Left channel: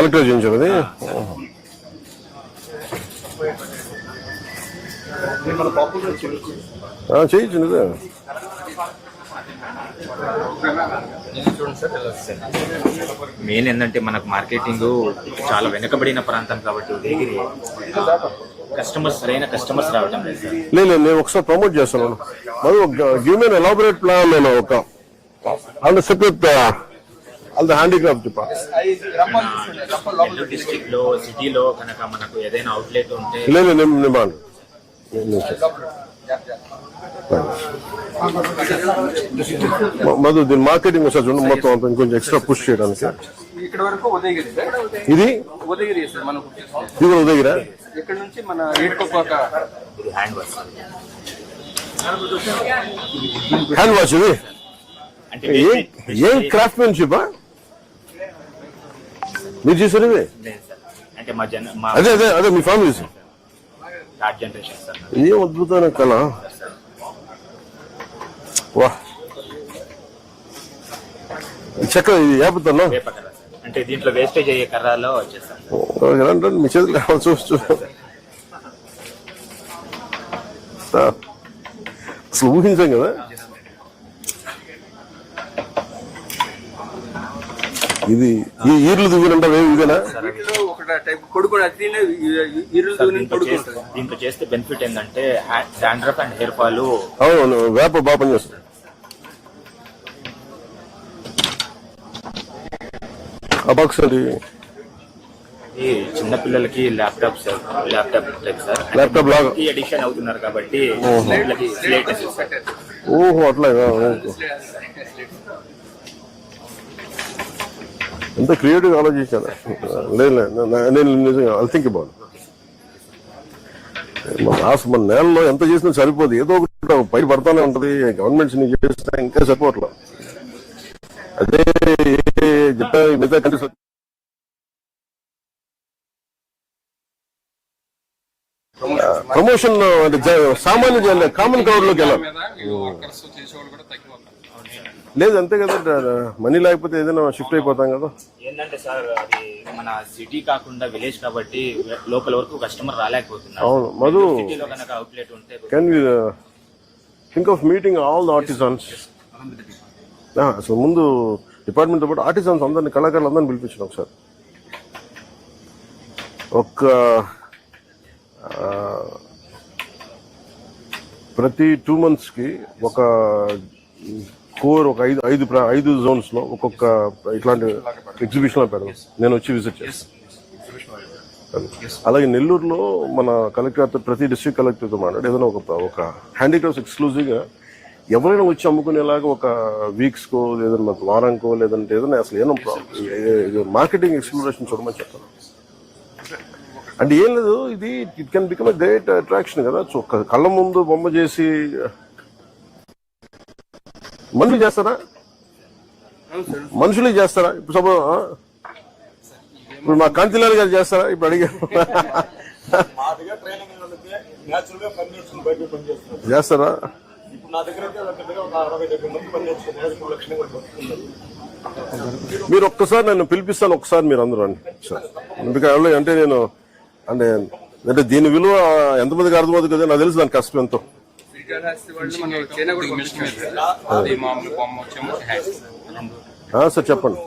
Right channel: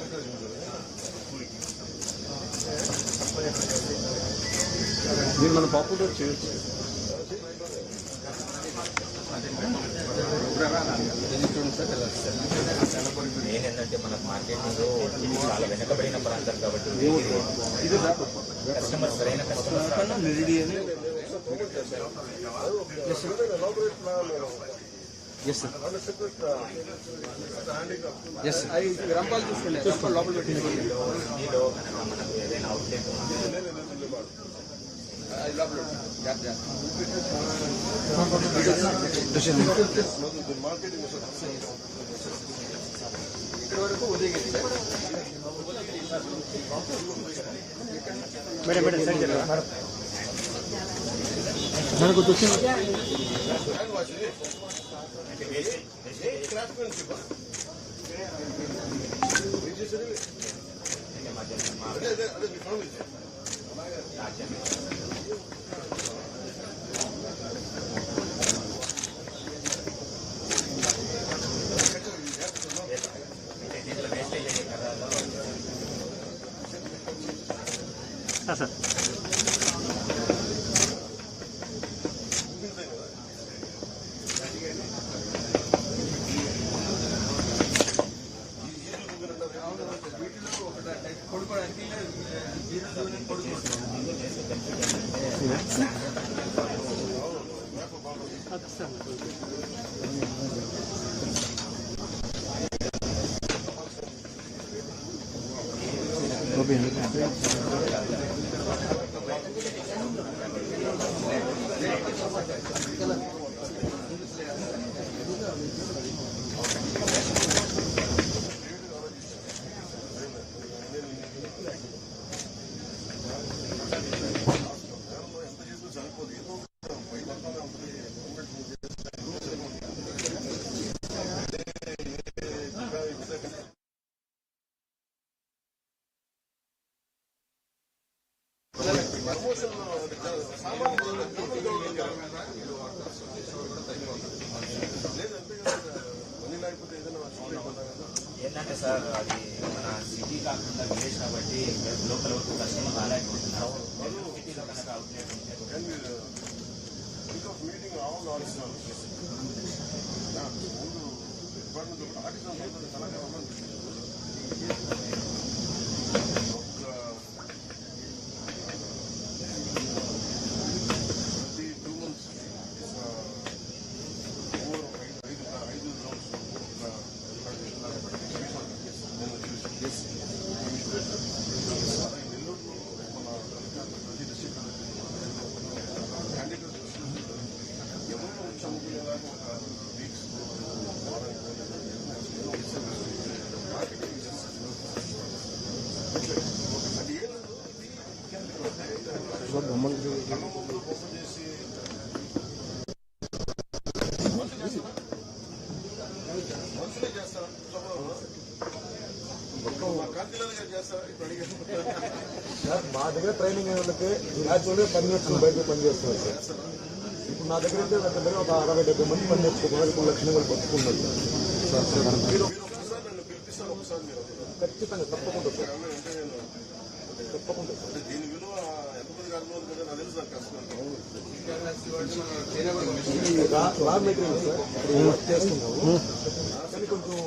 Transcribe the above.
Collector చేయించావు అది. చేయించండి. Main ఏంటంటే మనకు మార్కెటింగ్ చాలా వెనుకబడిన ప్రాంతం కాబట్టి కస్టమర్స్ రావడం లేదు. నేను ఒకసారి ప్రమోట్ చేస్తాను. మరి గివ్ మీ ఎలాబొరేట్ ప్లాన్. నేను ఒక అండ్ సెపరేట్ అంత హ్యాండీక్రాఫ్ట్ డిస్ట్రిక్ట్ లో సిటీలో కనుక మనకు ఏదైనా అవుట్లెట్ ఉంటే లేదు. నేను మధు దీని మార్కెటింగ్ ఒకసారి చూడండి. మొత్తం అంత ఇంకొంచెం ఎక్స్ట్రా పుష్ చేయడానికి. ఇది కూడా ఉదయగిరా. హ్యాండ్ వాష్ ఇది ఏం క్రాఫ్ట్మెన్షిప్ మీరు చేశారు ఇది? అదే అదే అదే మీ ఫ్యామిలీ ఏం అద్భుతమైన కళ. వా చక్కగా ఇది ఏపుతాను. అంటే దీంట్లో వేస్టేజ్ అయ్యే కర్రలో వచ్చేస్తాను. మీ చేతులు కావాలి చూస్తూ అసలు ఊహించాం కదా. ఇది ఈ ఈర్లు దువ్వినంటే ఇదేనా? దీంతో చేస్తే బెనిఫిట్ ఏంటంటే డాండ్రఫ్ అండ్ హెయిర్ ఫాల్. అవును వేప బాగా పనిచేస్తుంది. అబాక్స్ అది చిన్నపిల్లలకి ల్యాప్టాప్ లాగా ఎడిక్షన్ అవుతున్నారు కాబట్టి. ఓహో అట్లాగా. అంత క్రియేటివ్ ఆలోచించాను. లేదు నేను నిజంగా ఐ థింక్ అబౌట్ మన నేలలో ఎంత చేసినా సరిపోదు. ఏదో ఒకటి పై పడతానే ఉంటుంది. గవర్నమెంట్స్ ని చేస్తే ఇంకా సరిపోవట్లేదు. అదే చెప్పా మిగతా కంట్రీస్ ప్రమోషన్ సామాన్య కామన్ క్రౌడ్ లోకి వెళ్ళాలి. లేదు అంతే కదా. మనీ లేకపోతే ఏదైనా షిఫ్ట్ అయిపోతాం కదా. ఏంటంటే సార్ అది మన సిటీ కాకుండా విలేజ్ కాబట్టి లోకల్ వరకు కస్టమర్ రాలేకపోతున్నారు. అవును మధు. అవుట్లెట్ ఉంటే can you think of meeting all the artisans. అసలు ముందు డిపార్ట్మెంట్తో పాటు ఆర్టిజన్స్ అందరినీ కళాకారులు అందరినీ పిలిపించాం ఒకసారి. ప్రతి 2 monthsకి ఒక కోర్ ఒక 5 zones లో ఒక్కొక్క ఇట్లాంటి ఎగ్జిబిషన్ పెడదాం. నేను వచ్చి విజిట్ చేస్తాను. అలాగే నెల్లూరులో మన కలెక్టర్ ప్రతి డిస్ట్రిక్ట్ కలెక్టర్తో మాట్లాడి ఏదైనా ఒక హ్యాండీక్రాఫ్ట్స్ ఎక్స్క్లూజివ్గా ఎవరైనా వచ్చి అమ్ముకునేలాగా ఒక వీక్స్కో లేదన్నా వారానికో లేదంటే ఏదైనా అసలు ఏదో మార్కెటింగ్ ఎక్స్ప్లోరేషన్ చూడమని చెప్తాను. అంటే ఏం లేదు, ఇది it can become a great attraction కదా. సో కళ్ళ ముందు బొమ్మ చేసి మనుషులు చేస్తారా? మనుషులే చేస్తారా? ఇప్పుడు సపోజ్ ఇప్పుడు మా కాంతిలాల్ గారు చేస్తారా? ఇప్పుడు అడిగా చేస్తారా? మీరు ఒక్కసారి నన్ను పిలిపిస్తాను. ఒకసారి మీరు అందరూ అండి. అంటే నేను అంటే దీని విలువ ఎంతమందికి అర్థమవుతుంది కదా. నాకు తెలుసు దాని కష్టం ఎంతో. సార్ చెప్పండి.